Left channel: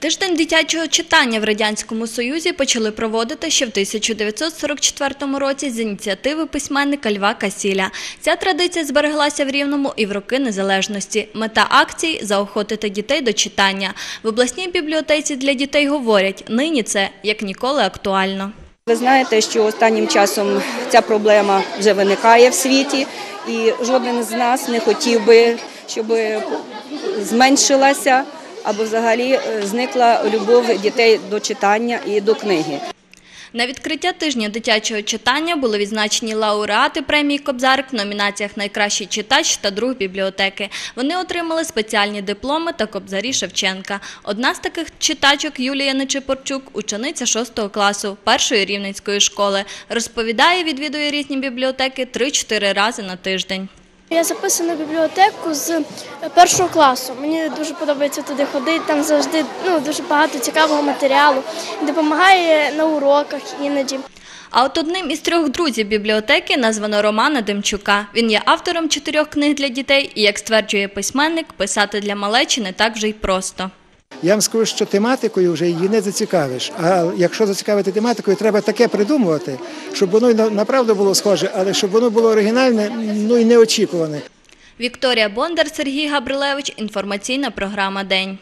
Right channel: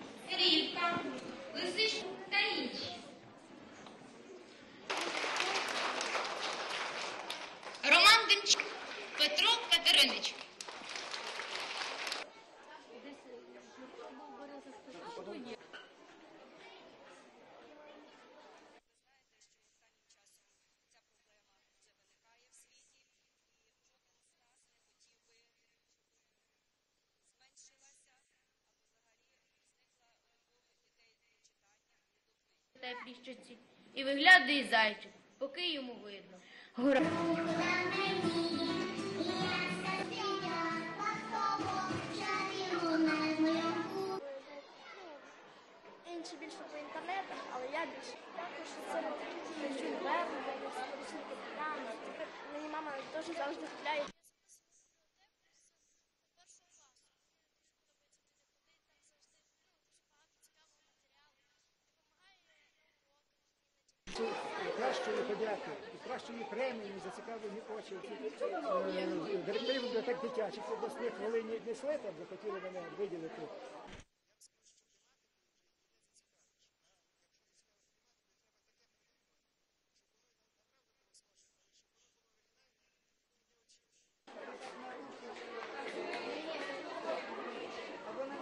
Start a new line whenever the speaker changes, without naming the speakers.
Тиждень дитячого читання в Радянському Союзі почали проводити ще в 1944 році з ініціативи письменника Льва Касіля. Ця традиція збереглася в Рівному і в роки незалежності. Мета акції – заохотити дітей до читання. В обласній бібліотеці для дітей говорять, нині це як ніколи актуально.
Ви знаєте, що останнім часом ця проблема вже виникає в світі, і жоден з нас не хотів би, щоб зменшилася або взагалі е, зникла любов дітей до читання і до книги.
На відкриття тижня дитячого читання були відзначені лауреати премії Кобзарик в номінаціях Найкращий читач та друг бібліотеки. Вони отримали спеціальні дипломи та кобзарі Шевченка. Одна з таких читачок Юлія Нечипорчук, учениця 6 класу першої рівненської школи. Розповідає, відвідує різні бібліотеки 3-4 рази на тиждень.
Я записана в бібліотеку з першого класу. Мені дуже подобається туди ходити. Там завжди ну, дуже багато цікавого матеріалу. Допомагає на уроках іноді.
А от одним із трьох друзів бібліотеки названо Романа Демчука. Він є автором чотирьох книг для дітей і, як стверджує письменник, писати для малечі не так вже й просто.
Я вам скажу, що тематикою вже її не зацікавиш. А якщо зацікавити тематикою, треба таке придумувати, щоб воно направду було схоже, але щоб воно було оригінальне, ну і неочікуване.
Вікторія Бондар, Сергій Габрилевич. Інформаційна програма День.